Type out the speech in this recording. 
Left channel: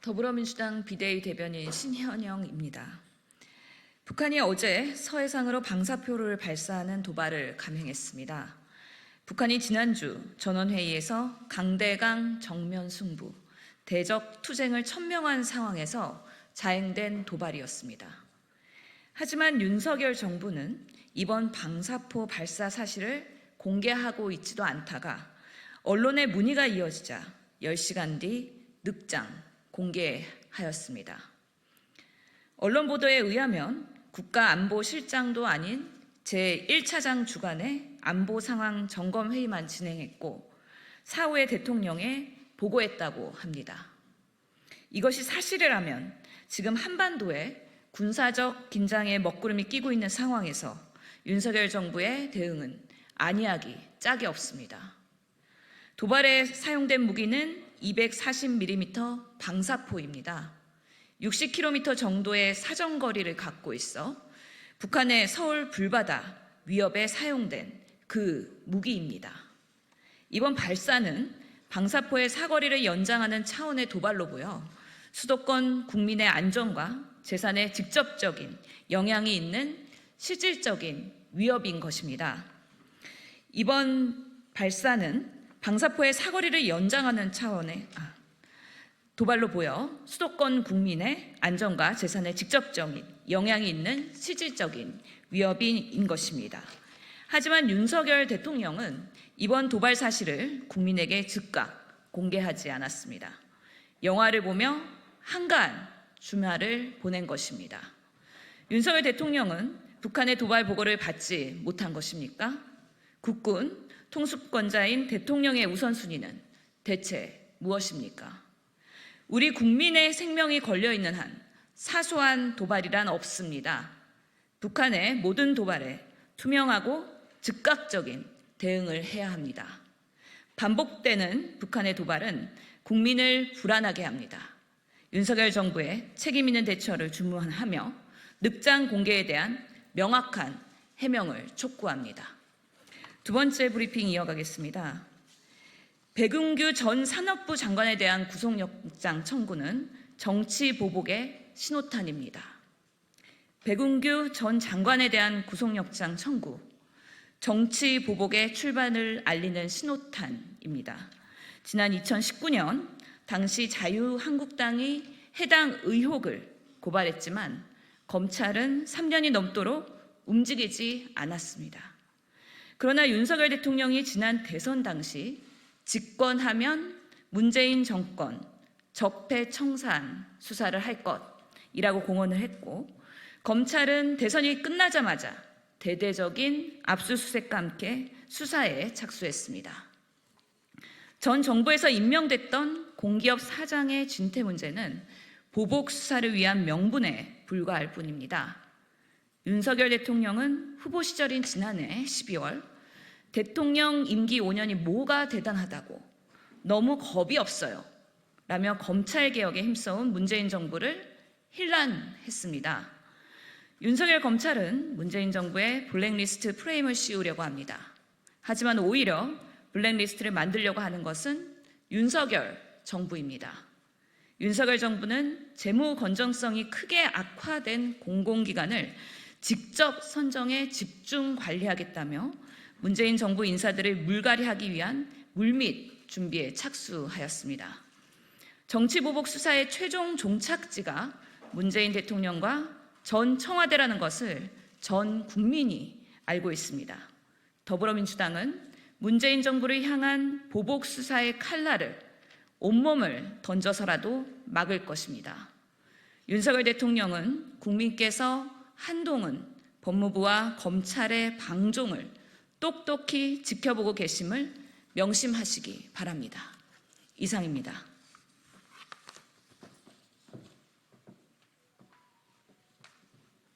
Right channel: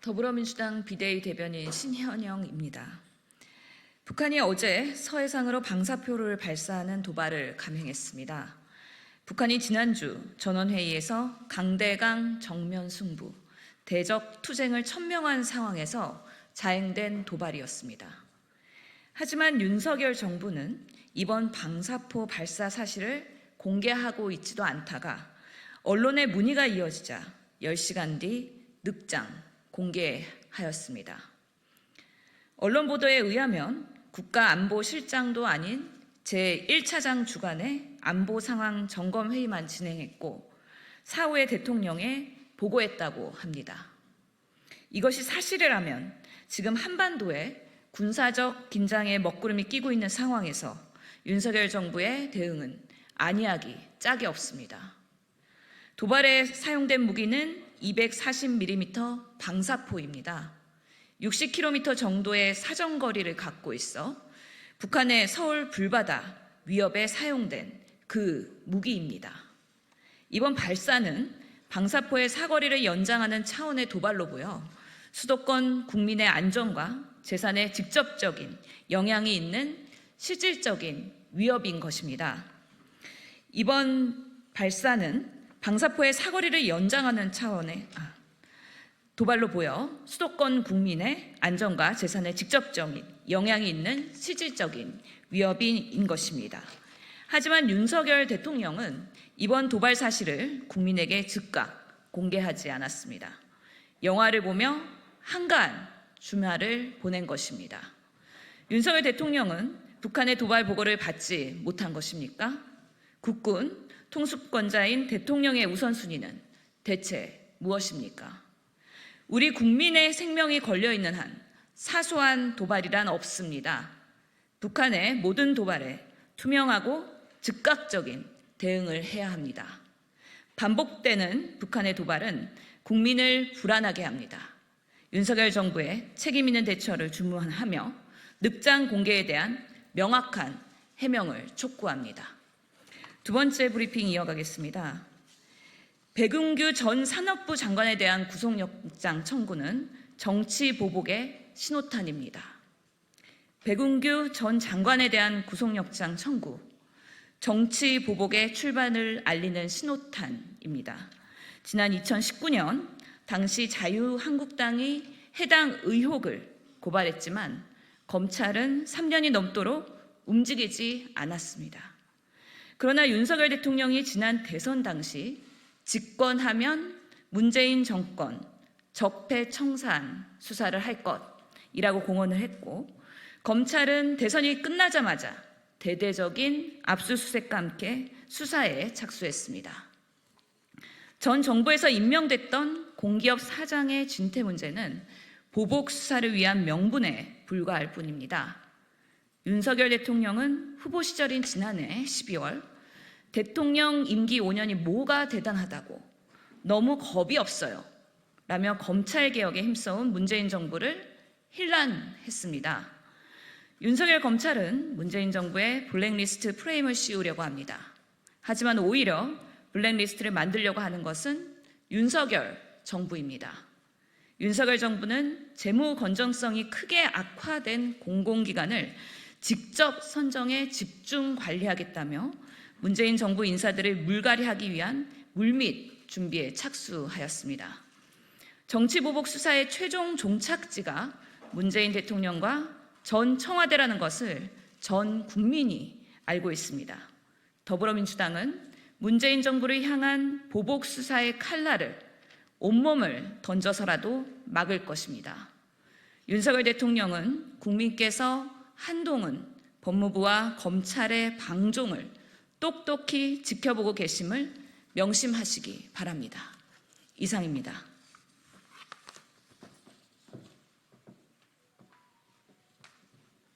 더불어민주당 비대위 대변인 신현영입니다. 북한이 어제 서해상으로 방사표를 발사하는 도발을 감행했습니다. 북한이 지난주 전원회의에서 강대강 정면 승부, 대적 투쟁을 천명한 상황에서 자행된 도발이었습니다. 하지만 윤석열 정부는 이번 방사포 발사 사실을 공개하고 있지도 않다가 언론의 문의가 이어지자 10시간 뒤 늑장 공개하였습니다. 언론 보도에 의하면 국가안보실장도 아닌 제1차장 주관의 안보 상황 점검 회의만 진행했고 사후에 대통령에 보고했다고 합니다. 이것이 사실이라면 지금 한반도에 군사적 긴장에 먹구름이 끼고 있는 상황에서 윤석열 정부의 대응은 아니하기 짝이 없습니다. 도발에 사용된 무기는 240mm 방사포입니다. 60km 정도의 사정거리를 갖고 있어 북한의 서울 불바다 위협에 사용된 그 무기입니다. 이번 발사는 방사포의 사거리를 연장하는 차원의 도발로 보여 수도권 국민의 안전과 재산에 직접적인 영향이 있는 실질적인 위협인 것입니다. 이번 발사는 방사포의 사거리를 연장하는 차원의 도발로 보여 수도권 국민의 안전과 재산에 직접적인 영향이 있는 실질적인 위협인 것입니다. 하지만 윤석열 대통령은 이번 도발 사실을 국민에게 즉각 공개하지 않았습니다. 영화를 보며 한가한 주말을 보낸 것입니다. 윤석열 대통령은 북한의 도발 보고를 받지 못한 것입니까? 국군 통수권자인 대통령의 우선순위는 대체 무엇입니까? 우리 국민의 생명이 걸려있는 한 사소한 도발이란 없습니다. 북한의 모든 도발에 투명하고 즉각적인 대응을 해야 합니다. 반복되는 북한의 도발은 국민을 불안하게 합니다. 윤석열 정부의 책임 있는 대처를 주문하며 늑장 공개에 대한 명확한 해명을 촉구합니다. 두 번째 브리핑 이어가겠습니다. 백운규 전 산업부 장관에 대한 구속영장 청구는 정치 보복의 신호탄입니다. 백운규 전 장관에 대한 구속영장 청구, 정치 보복의 출발을 알리는 신호탄입니다. 지난 2019년 당시 자유한국당이 해당 의혹을 고발했지만 검찰은 3년이 넘도록 움직이지 않았습니다. 그러나 윤석열 대통령이 지난 대선 당시 집권하면 문재인 정권 적폐청산 수사를 할 것이라고 공언을 했고 검찰은 대선이 끝나자마자 대대적인 압수수색과 함께 수사에 착수했습니다. 전 정부에서 임명됐던 공기업 사장의 진퇴 문제는 보복 수사를 위한 명분에 불과할 뿐입니다. 윤석열 대통령은 후보 시절인 지난해 12월 대통령 임기 5년이 뭐가 대단하다고 너무 겁이 없어요 라며 검찰개혁에 힘써온 문재인 정부를 힐난했습니다. 윤석열 검찰은 문재인 정부의 블랙리스트 프레임을 씌우려고 합니다. 하지만 오히려 블랙리스트를 만들려고 하는 것은 윤석열 정부입니다. 윤석열 정부는 재무 건전성이 크게 악화된 공공기관을 직접 선정해 집중 관리하겠다며 문재인 정부 인사들을 물갈이하기 위한 물밑 준비에 착수하였습니다. 정치보복 수사의 최종 종착지가 문재인 대통령과 전 청와대라는 것을 전 국민이 알고 있습니다. 더불어민주당은 문재인 정부를 향한 보복 수사의 칼날을 온몸을 던져서라도 막을 것입니다. 윤석열 대통령은 국민께서 한동훈 법무부와 검찰의 방종을 똑똑히 지켜보고 계심을 명심하시기 바랍니다. 이상입니다.